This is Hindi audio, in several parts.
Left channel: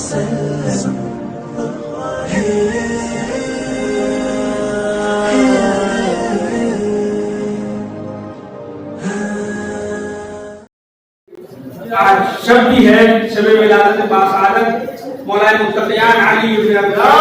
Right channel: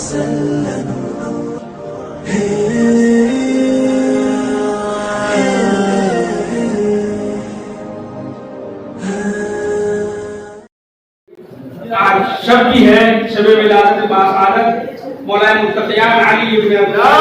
आज शब भी है, शब विलादत बासादत मौलाना मुत्तक़ियान अली इब्न अब्दुल्लाह।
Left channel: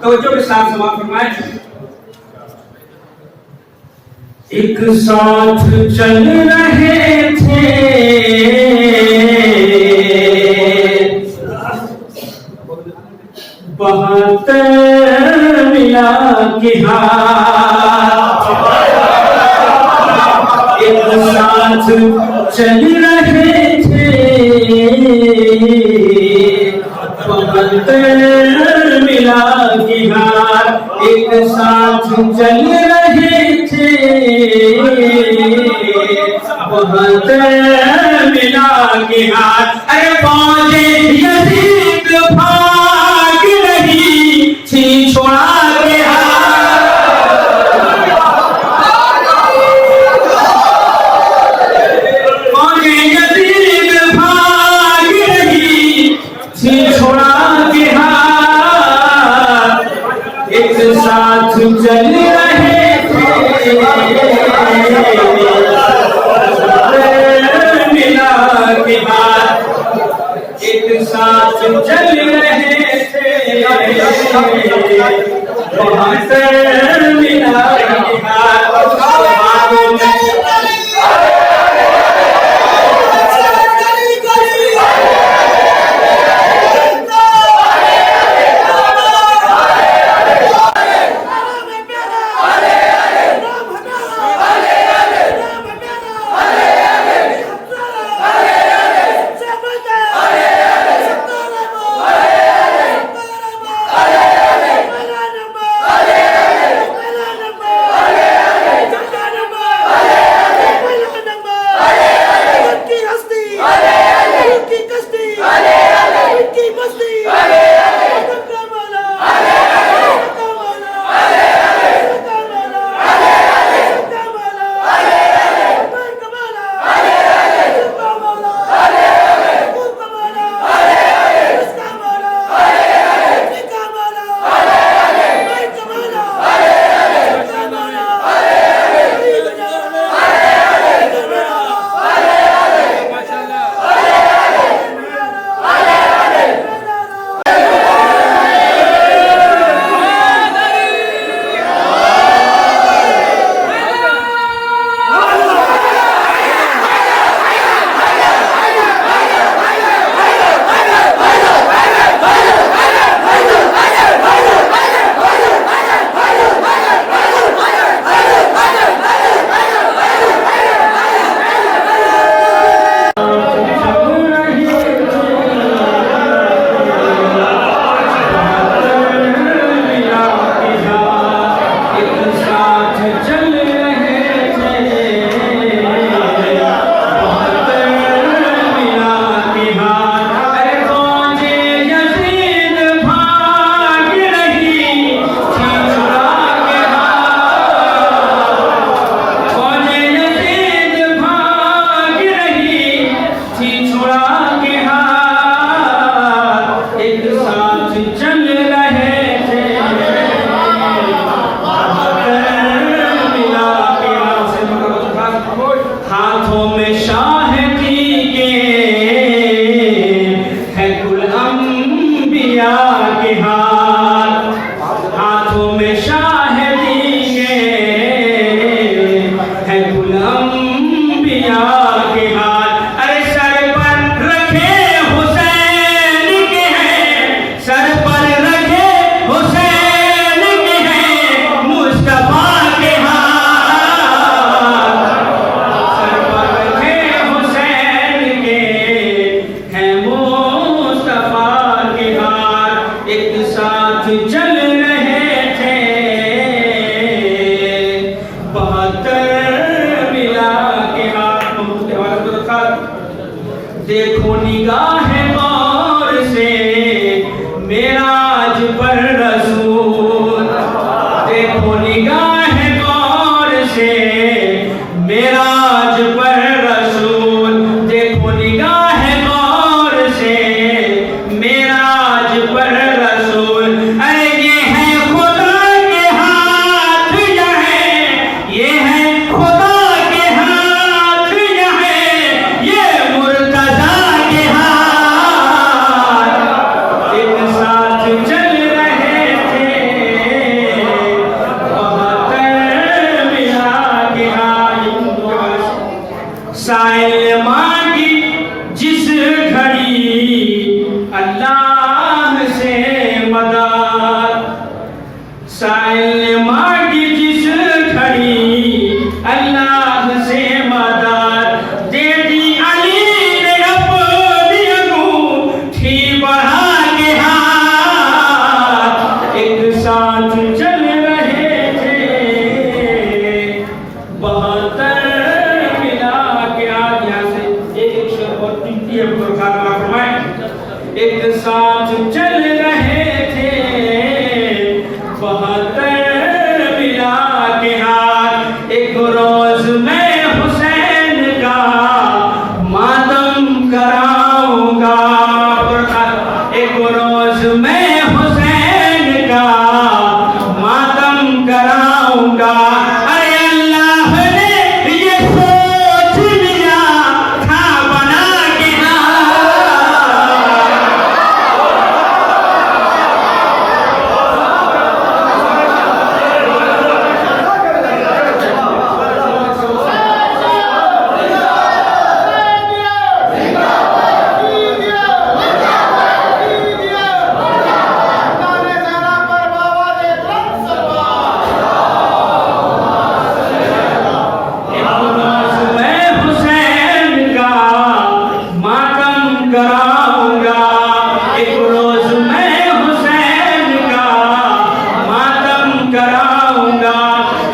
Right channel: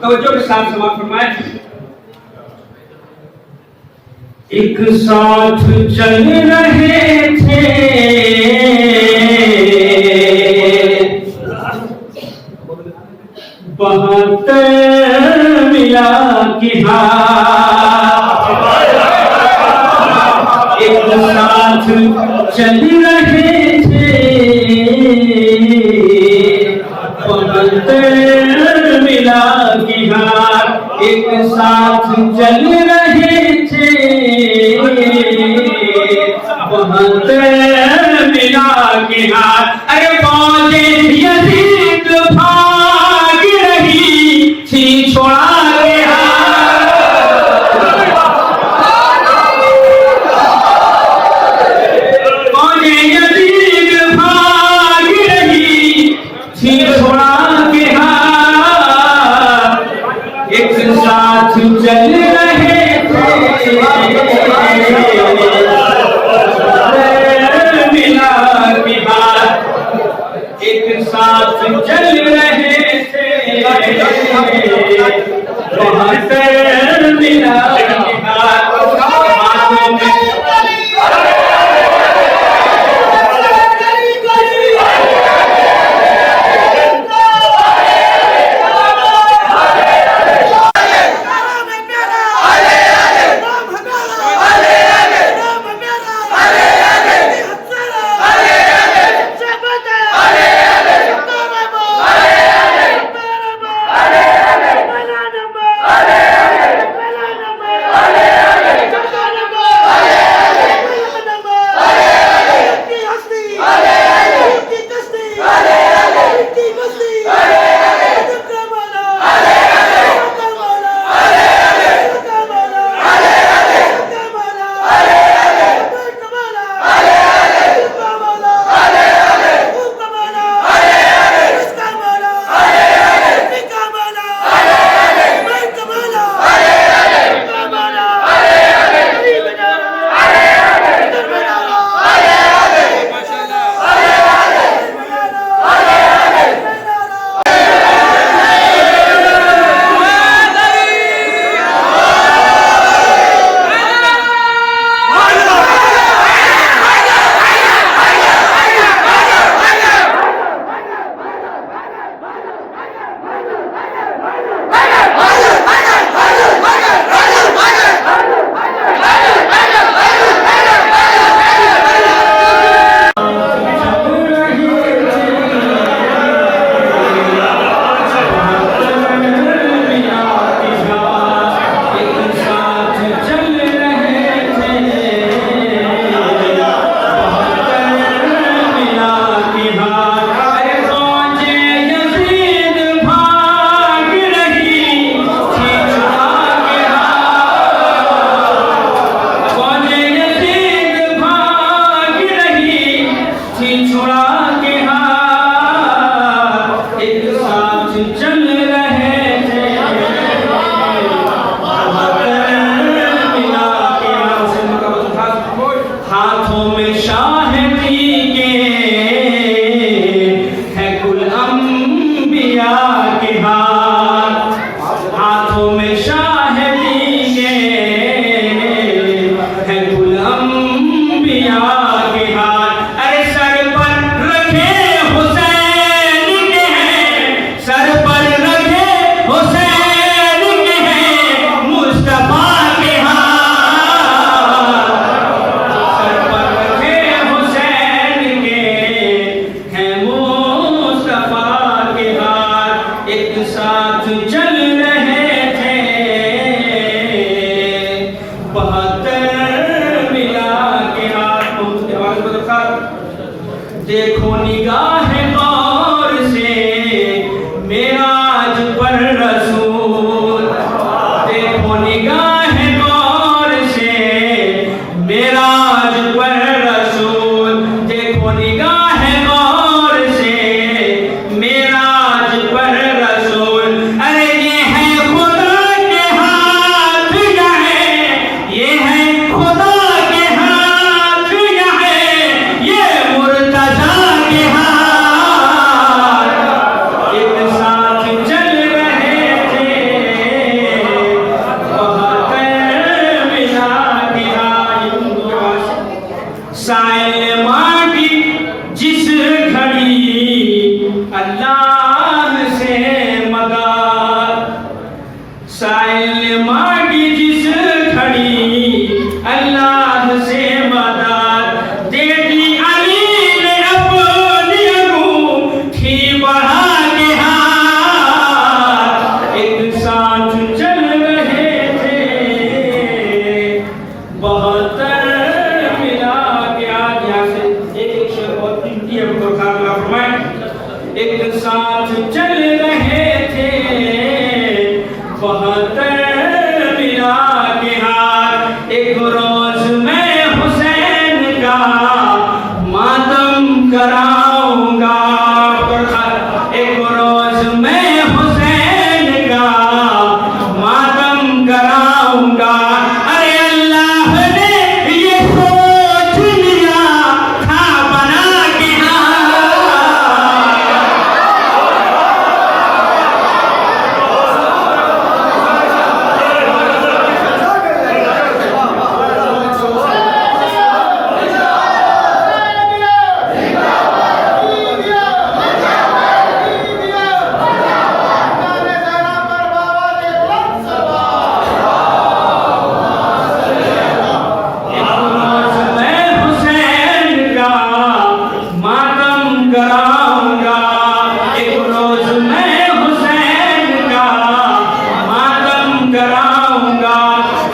तवज्जो के साथ समाप्त फरमाएं। एक साथ चल रहे थे बहत्तर मिला के हाथ, एक साथ चल रहे थे बहत्तर मिला के हाथ, एक साथ चल रहे थे बहत्तर मिला के हाथ। अरे पौधे यजीद भाग रही थी छोड़ा के हाथ, पौधे यजीद भाग रही थी छोड़ा के हाथ, एक साथ चल रहे थे मिला के हाथ, एक साथ चल रहे थे बहत्तर मिला के हाथ। हुजूर खातमा फरमाए, एक साथ चल रहे थे 72 मिला के हाथ, एक रोज मैं हुसैन का मातम कराऊंगा, एक रोज मैं हुसैन का मातम कराऊंगा। अरे अल्लाह ने ये सोच लिया था बना के कराऊंगा, एक रोज मैं हुसैन का मातम कराऊंगा।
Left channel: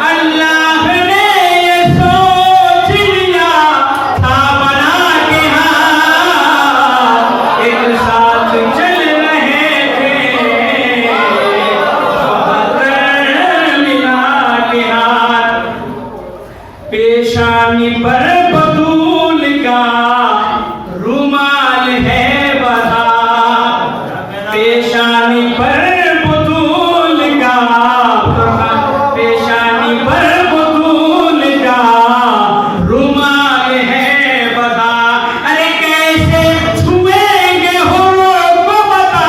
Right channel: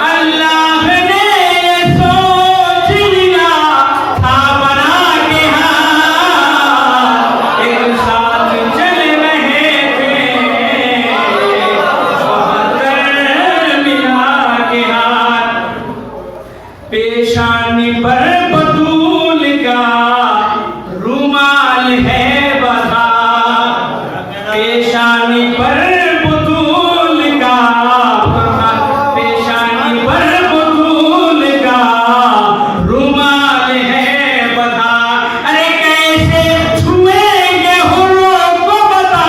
अल्लाह ने ये सोच लिया था बना के हाथ, एक साथ चल रहे थे 72 मिला के हाथ, पेशानी पर बतूल का रुमाल है बधा, पेशानी पर बतूल का, पेशानी पर बतूल का रुमाल है बधा। अरे कैसे छुएंगे हुर्र को बता,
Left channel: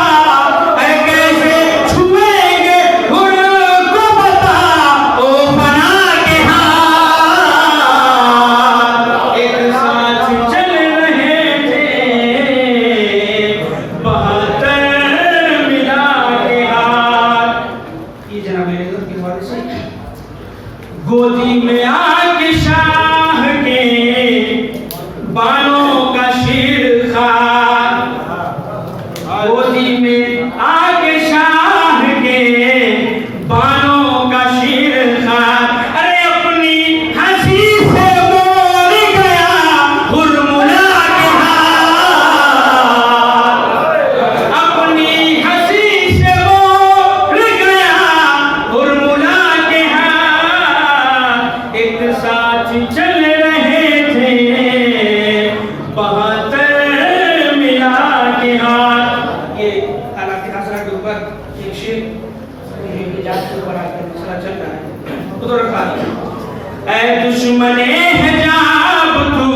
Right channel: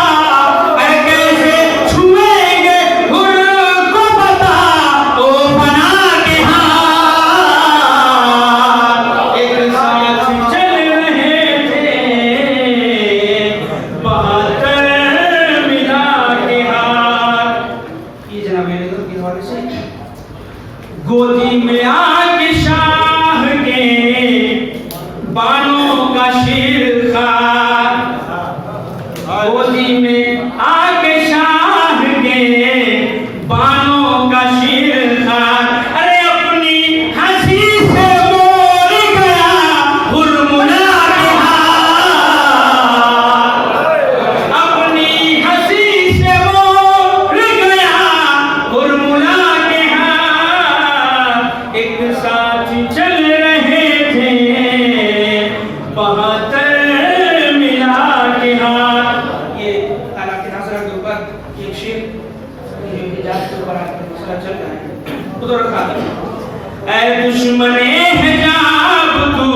अरे कैसे छुएंगे हुर्र को बता, ओ बना के हाथ, एक साथ चल रहे थे 72 मिला के हाथ। ये जनाब मेरे दोस्त के हवाले से गोदी में आके शाह के बानों का शेर खान, गोदी में आके शाह के बानों का शेर खान। अरे अपनी हंसी से मोड़ गया हुर्मुला के हाथ, अपनी हंसी से मोड़ गया हुर्मुला के हाथ, एक साथ चल रहे थे 72 मिला के हाथ। ये हालात हसरा के ऊपर एक शेर इजाज के ऊपर आके मसला चल रहा है, उधर रखा दिया। ऐ दुश्मने हिजाब तू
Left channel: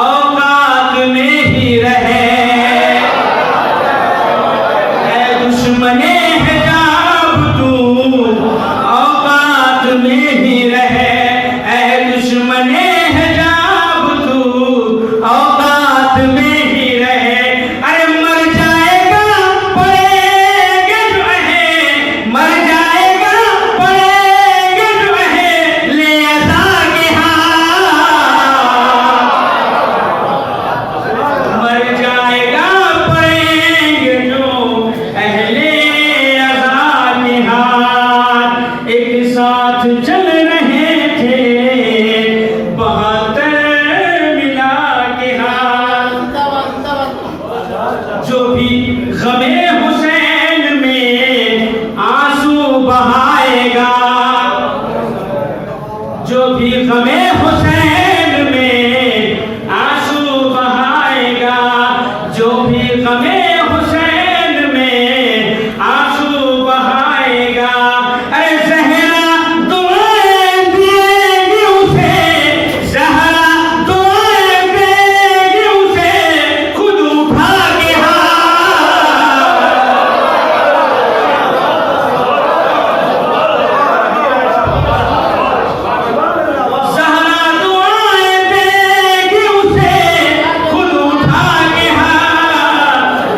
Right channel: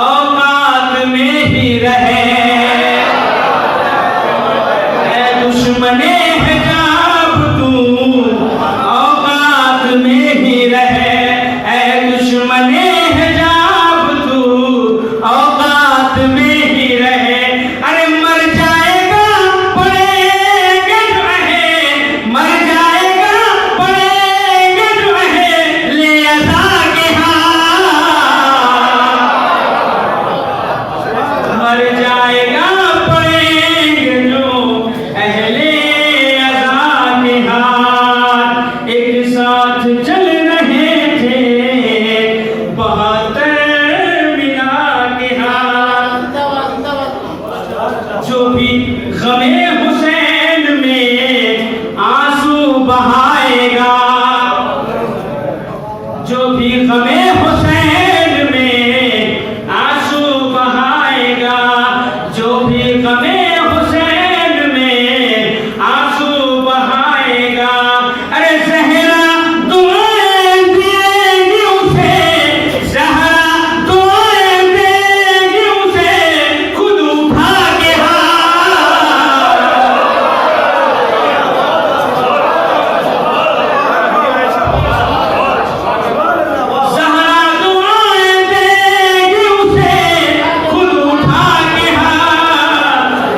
औकात में ही रहे, ऐ दुश्मने हिजाब तू औकात में ही रहे, ऐ दुश्मने हिजाब तू औकात में ही रहे। अरे मर जाएगा पड़ेगा जो है, मर जाएगा पड़ेगा जो है ले अज़ा के हाथ, मर जाएगा पड़ेगा जो अहले अज़ा के हाथ, एक साथ चल रहे थे 72 मिला के हाथ। जो भी गमे हुसैन में आंसू बहाएगा, जो भी गमे हुसैन में आंसू बहाएगा, जो भी गमे हुसैन में आंसू बहाएगा। अरे ज़हरा दुआएं देगी उसे, ज़हरा दुआएं देगी उसे खुद उठा के हाथ, ज़हरा दुआएं देगी उसे खुद उठा के हाथ,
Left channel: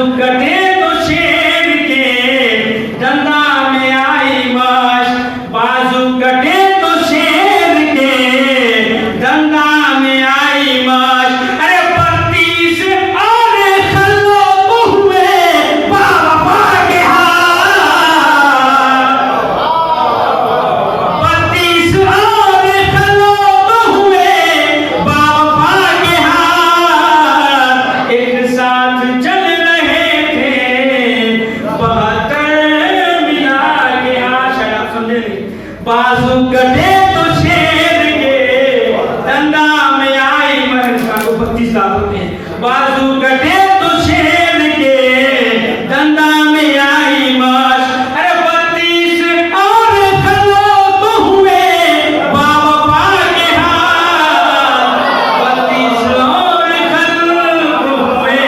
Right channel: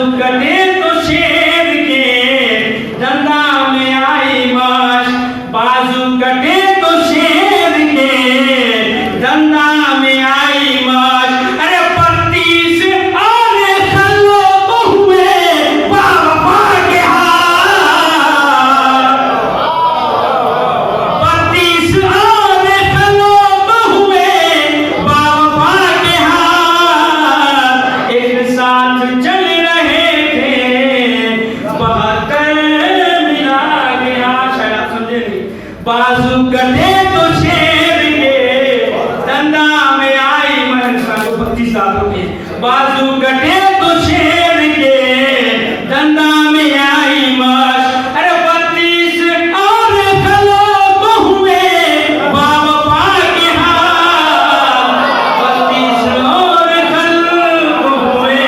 बाजू कटे तो शेर के धंधा में आई माश, बाजू कटे तो शेर के धंधा में आई माश। अरे 32 और खल्लो तो हुए बाबा के हाथ, 32 और खल्लो तो हुए बाबा के हाथ। एक साथ चल रहे थे 72 मिला के हाथ। शायद आप समझे नहीं। बाजू कटे तो शेर के धंधा में आई महल को 32 साल हो गए। बाजू कटे तो शेर के धंधा में आई माश। अरे 32 और खल्लो तो हुए बाबा के हाथ, 32 और खल्लो हुए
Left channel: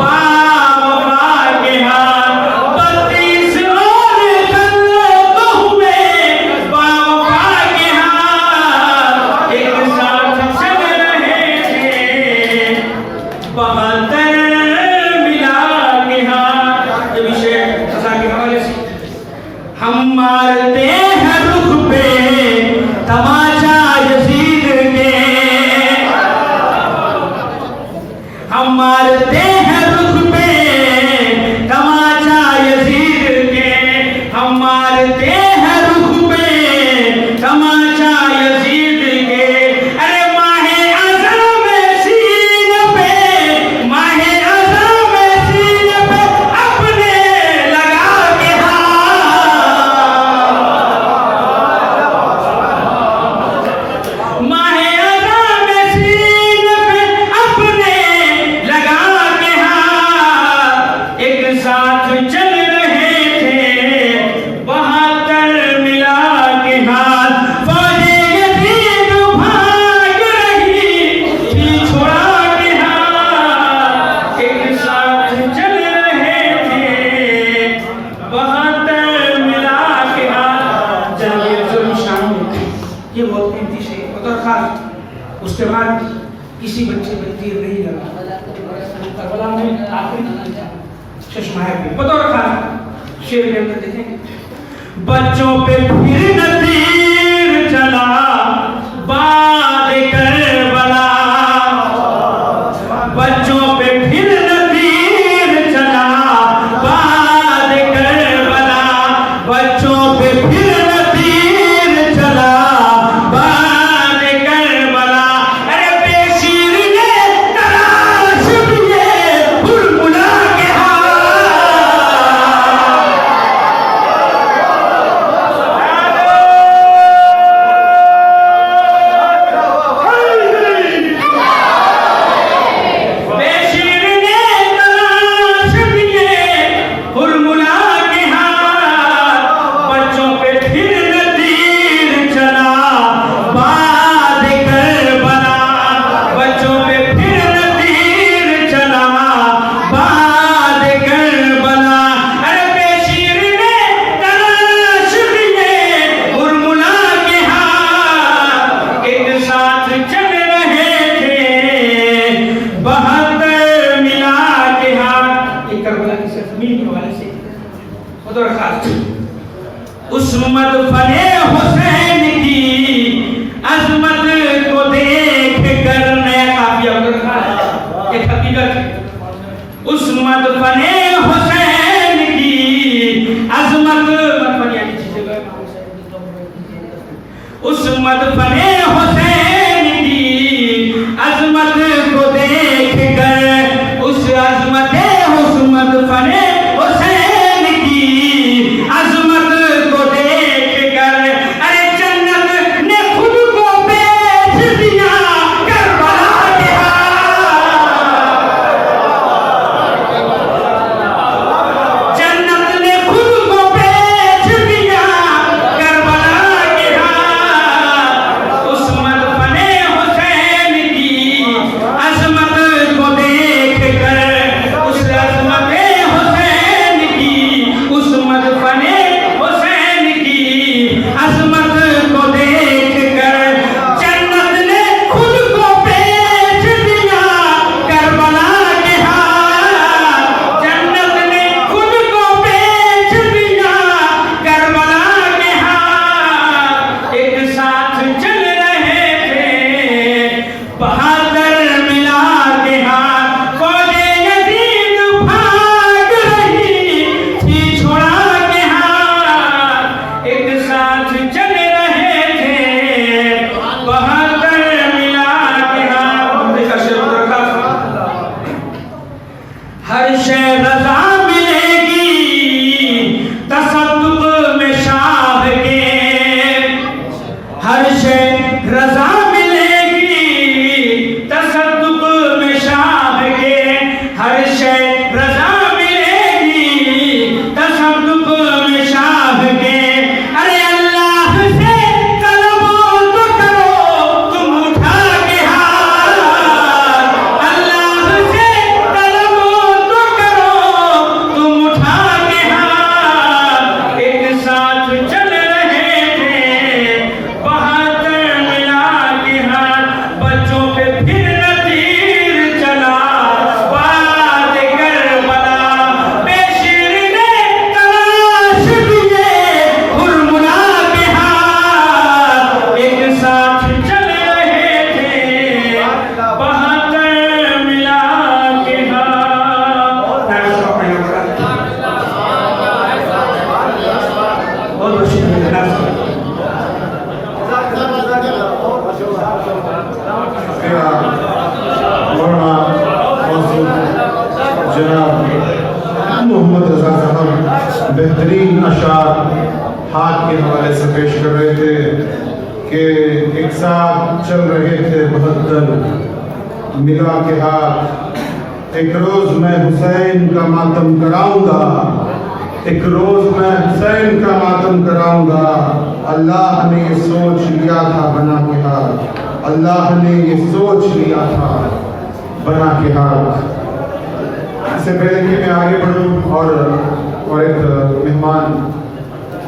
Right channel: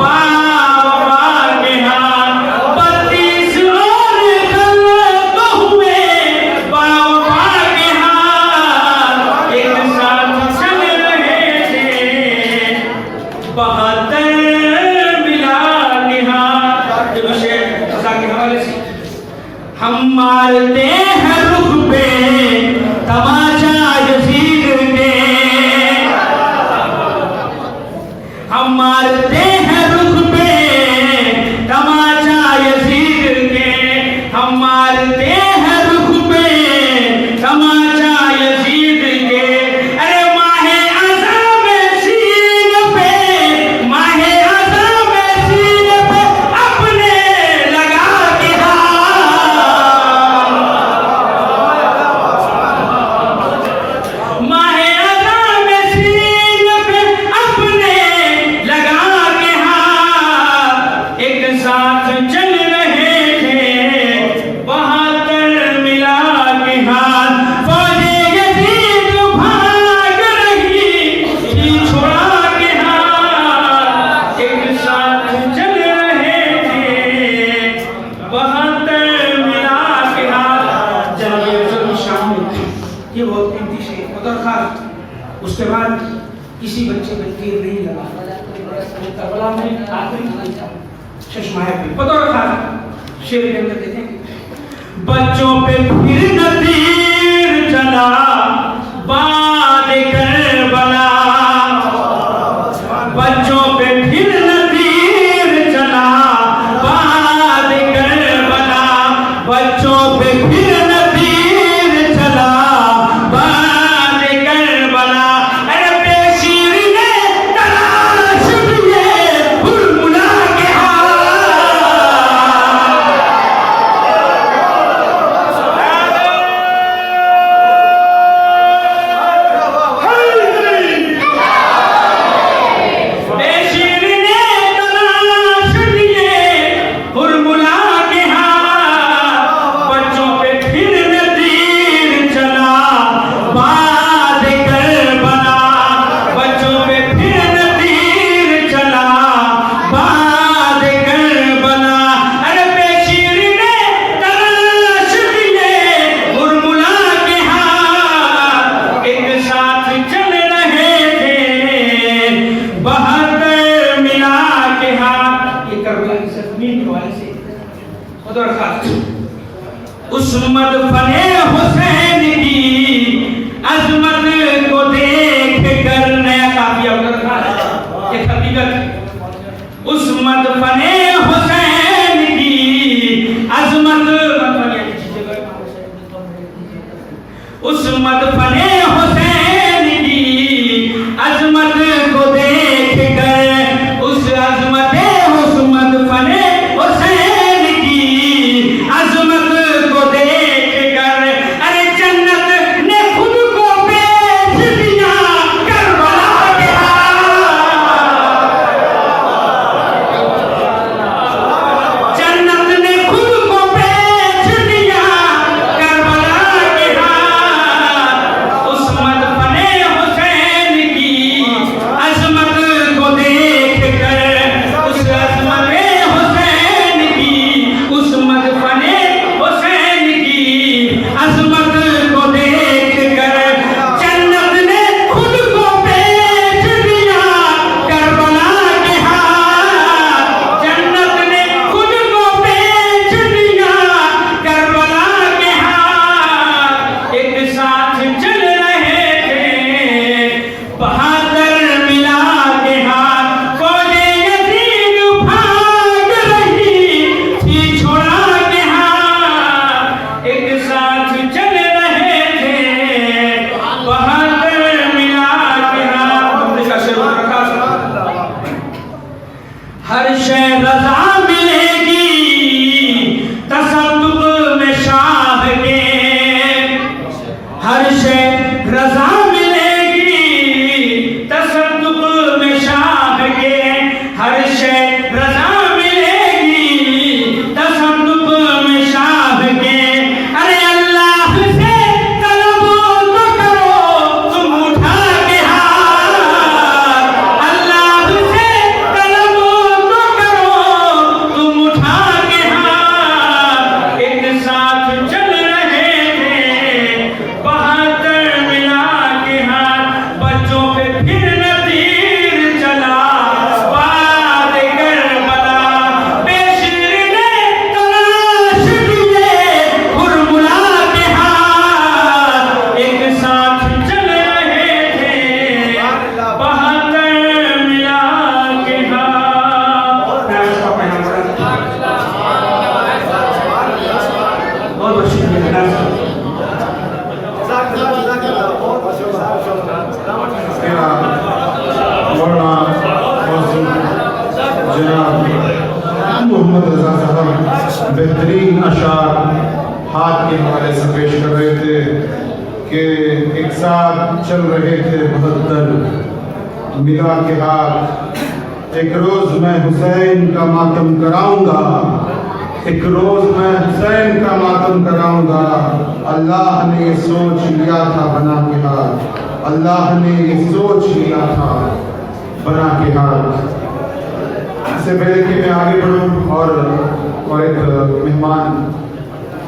बाबा के हाथ, 32 और खल्लो तो हुए बाबा के हाथ। एक साथ चल रहे थे 72 मिला के हाथ। ये विषय कथा के हवाले से हम मारते हैं रुख पे तमाचा यजीद के, हम मारते हैं रुख पे तमाचा यजीद के, हम मारते हैं रुख पे तमाचा यजीद के। अरे माहे अज़म सीन पे, माहे अज़म सीन पे अपने लगा के हाथ, माहे अज़म सीन पे अपने लगा के हाथ। एक साथ चल रहे थे 72 मिला के हाथ। फौजे यजीद भाग रही थी छुड़ा के हाथ। एक साथ चल रहे थे 72 मिला के हाथ। जंग शामिल ये बहुत कीमती शेर उधर खास। उसके बाद किसी बच्चे पे तीर नहीं लगा। करबला में आखिरी चश्माए पे बतौर खास शेर के अंदर देखेंगे, बच्चों पे फिर न तीर चला बाद करबला, बच्चों पे फिर न तीर चला बाद करबला, बच्चों पे फिर न तीर चला बाद करबला। अरे बेशीर ने तलाश दिए हुरमुला के बेशीर ने तलाश दिए हुरमुला के हाथ। बच्चों पे फिर न तीर चला बाद करबला, बच्चों पे फिर न तीर चला बाद करबला। अरे बेशीर ने तलाश दिए हुरमुला के हाथ। एक साथ चल रहे थे 72 मिला के हाथ। ये करबला की सरजमीन के हवाले से उधर खास उस्मत फने हुसैन की अजमत को देख कर नया काफिया उधर खास एक हकीकत। उस्मत फने हुसैन की अजमत मतलब यानी जगह उस्मत फने हुसैन की अजमत को देख कर, उस अजमत हुस्मत फने हुसैन की अजमत को देख कर। अरे जन्नत ने खुद को बेच दिया करबला के हाथ, जन्नत ने खुद को बेच दिया करबला के हाथ। हर शय रजा मिलेगी तसद्दुक में शाह के, हर शय रजा मिलेगी तसद्दुक में शाह के, हर शय रजा मिलेगी तसद्दुक में शाह के। अरे अल्लाह से तलब तो करो तुम उठा के हाथ, अल्लाह से तलब तो करो तुम उठा के हाथ। एक साथ चल रहे थे बहादुर मिला के हाथ, बच्चों पे फिर न तीर चला बाद करबला, बेशीर ने तलाश किए हुरमुला के हाथ। एक साथ चल रहे थे बहादुर मिला के हाथ। बहुत बहुत शुक्रिया। जनाब मोहम्मद रजा साहब बेहतरीन अशार हाथ के हवाले से पेश कर रहे थे कि एक साथ चल रहे थे बहत्तर मिला के हाथ। एक रोज मैं हुसैन का मातम कराऊंगा, एक रोज मैं हुसैन का मातम कराऊंगा। अल्लाह ने ये सोच लिया था बना के हाथ, अल्लाह ने ये सोच लिया था बना के हाथ। इससे पहले कि मैं आगे बढ़ूं और एक मेहमान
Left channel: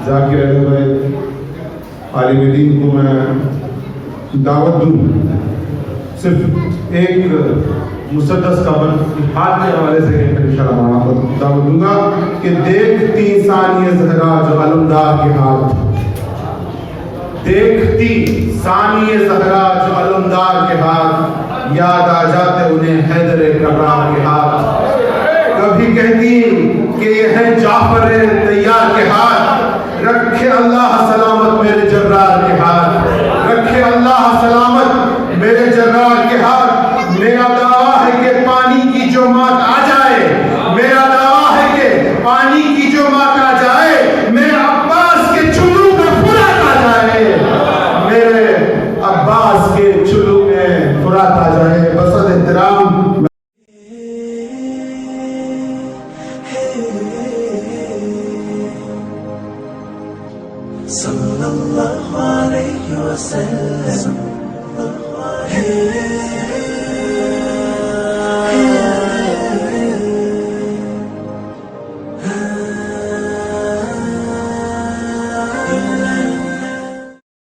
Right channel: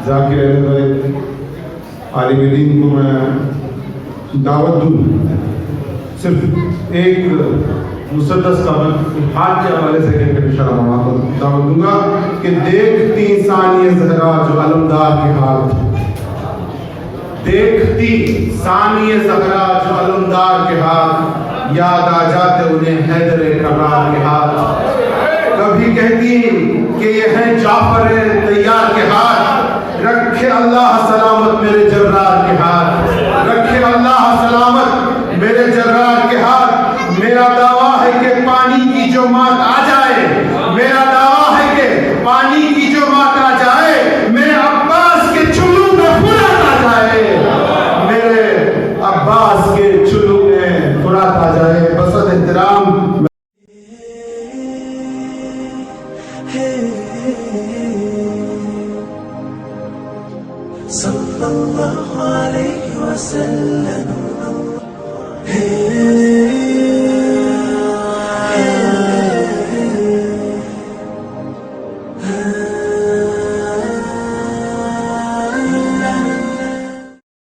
जाकिर आलिम दीन को मैं दावत दूं, सिर्फ एक मुसद्दस का हाथ के हवाले से इंशाअल्लाह दावत दूंगा कि देखती सानिया ज़हरा जो अलमदार के हाथ, देखती सानिया ज़हरा जो अलमदार के हाथ, याद आ जाते उन्हें हैदर कर्रार के हाथ। कभी कहती कि यह है जाफर तैयार के हाथ, रखे अल्लाह सलामत मेरे जर्रार के हाथ, रखे अल्लाह सलामत मेरे जर्रार के हाथ। मेरा दावा है कि पानी की जो मात आ जाए, मेरा दावा है कि पानी की जो मात आ जाए, मेरे अब्बास के चुल्लू में फुरात आ जाए, मेरे अब्बास के चुल्लू में फुरात आ जाए। बसद एहतराम सल्लल्लाहु अलैहि वसल्लम।